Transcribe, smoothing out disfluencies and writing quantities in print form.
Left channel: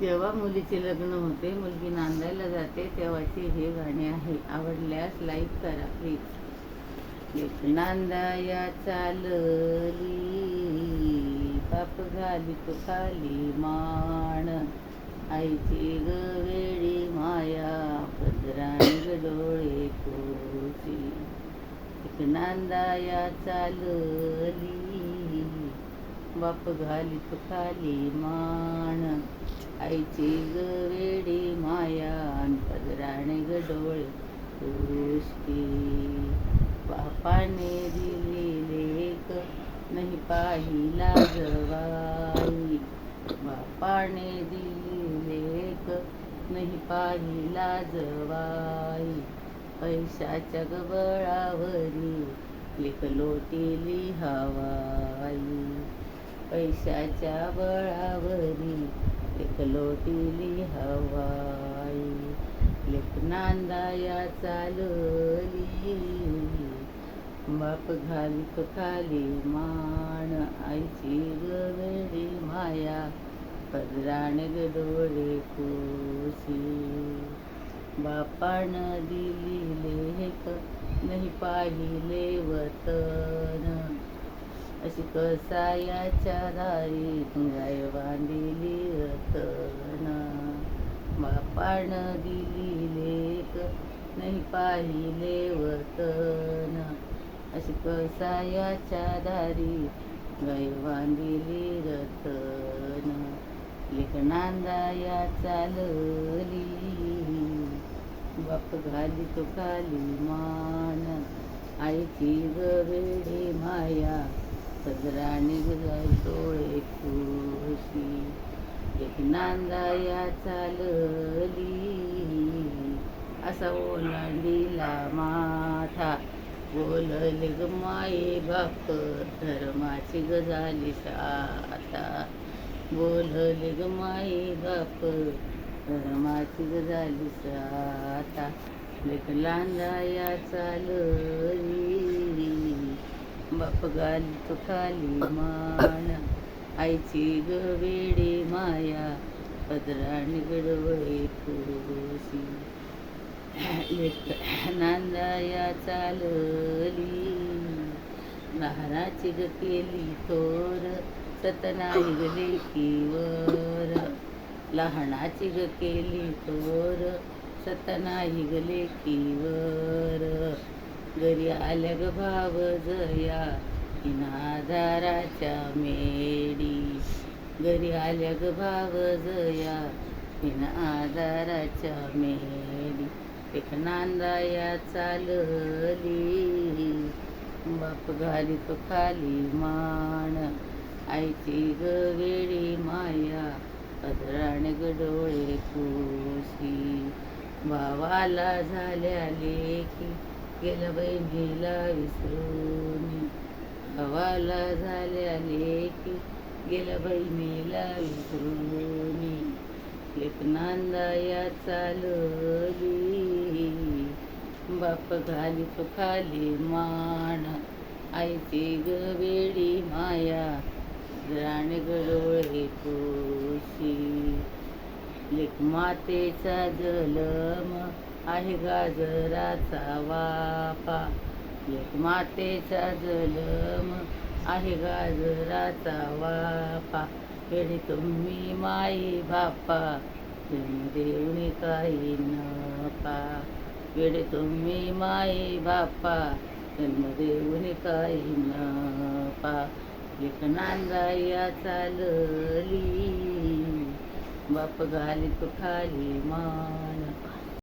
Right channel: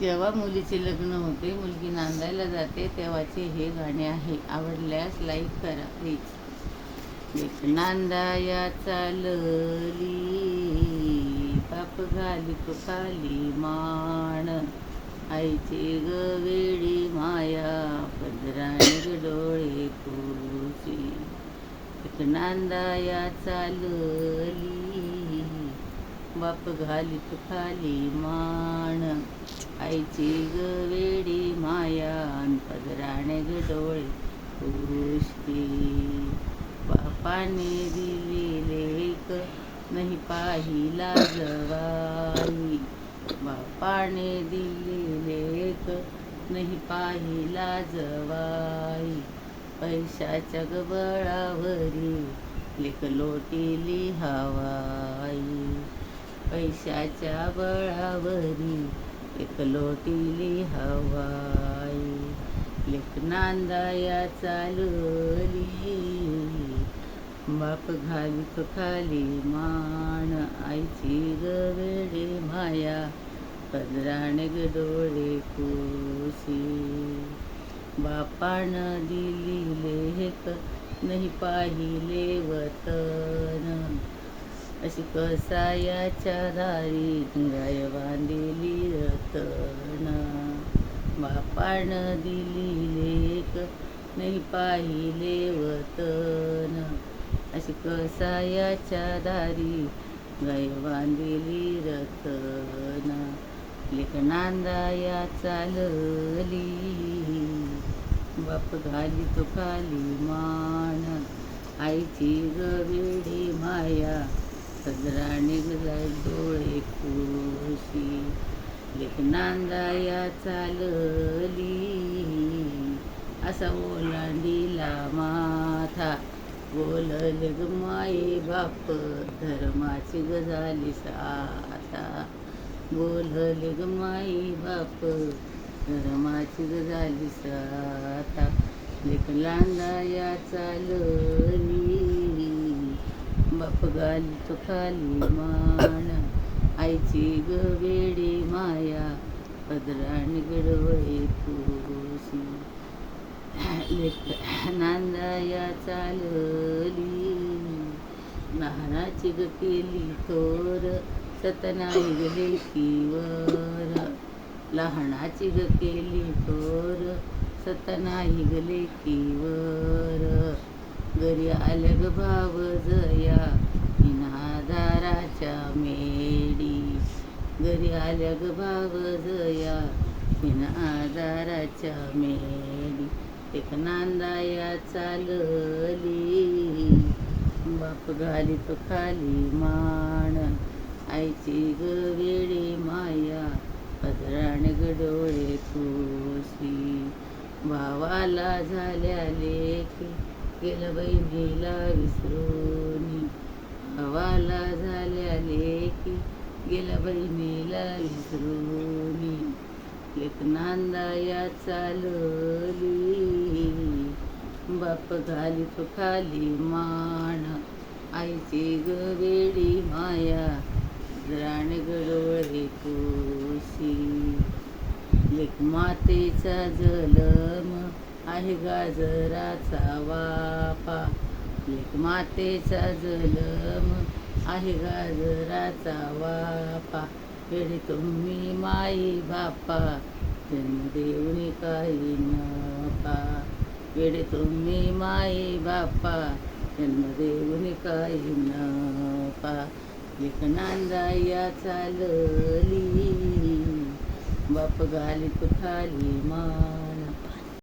जेव्हा मुलीचे लग्न होते, मुलगी नांदायला जाते तेव्हाचे हे गाणे आहे. आवडल्यास लाईक करा प्लीज. एक नांदाया चालली, बाप घाली खाली माण, आईची गवेडी माया, पदराणी ग डोळे कोशी. एक नांदाया चालली, बाप घाली खाली माण, आईची गवेडी माया, पदराणे ग डोळे पुष्टी. बापाने दिली लेक, नाही पाहिला जवाई. बापाने दिली लेक, नाही पाहिला जवाई. पैशाच्या गबळावरी लेक लोटीली हवाई. पैशाच्या बळावरी एक लोटीली हवाई. लेक नांदाया चालली, बाप घाली खाली माण, आईची गवेडी माया, पदराणे ग डोळे कोशी. बापानं दिली लेक, नाही पाहिले वतन, अशी कसायाच्या दारी गाय बांधिली रतन. बापानं दिली लेक, नाही पाहिले वतन, अशी कसायाच्या दारी गाय बांधिली रतन. लेक नांदाया चालली, बाप घाली खाली माण, आईची गवेडी माया, पदराने ग डोळे कोशी. लेक नांदाया चालली, असा ओलांडीला माथा, बोलले ग माये बाप, धर्माची ग झाली शाता. बोलले ग माये बाप, धर्माची ग झाली शाता. लेक नांदाया चालली, बाप घाली खाली माण, आईची गवेडी माया, पदराणी ग डोळे कोशी. लेक नांदाया चालली, लहानाची ग केली थोर, सतनाई ग लेकीवर. लहानाची ग केली थोर, सतनाई ग लेकीवर. घरी आल्या ग भाव जया, आधाराच्या मेडी. घरी आल्या ग भाव जया, आधाराच्या मेडी. एक नांदाया चालली, बाप घाली खाली माण, आईची गवेडी माया, पदराणे ग डोळे कोशी. भावाला झाल्या लेकी, गेल्या बहिणीला विसरून. भावाला झाल्या लेकी, गेल्या बहिणीला विसरून. लेक नांदाया चालली, बाप घाली खाली माण, आईची गवेडी माया, पदराणे ग डोळे कोशी. लेक मातेचा जलम आहे गाजराचा वापा. लेक मातेचा जलम आहे गाजराचा वापा. वेडे तुम्ही माई बापा, जन्म देऊन काही न पा. वेडे तुम्ही माई बापा, जन्म देऊन काही न पा. लेक नांदाया चालली, बाप घाली खाली मा.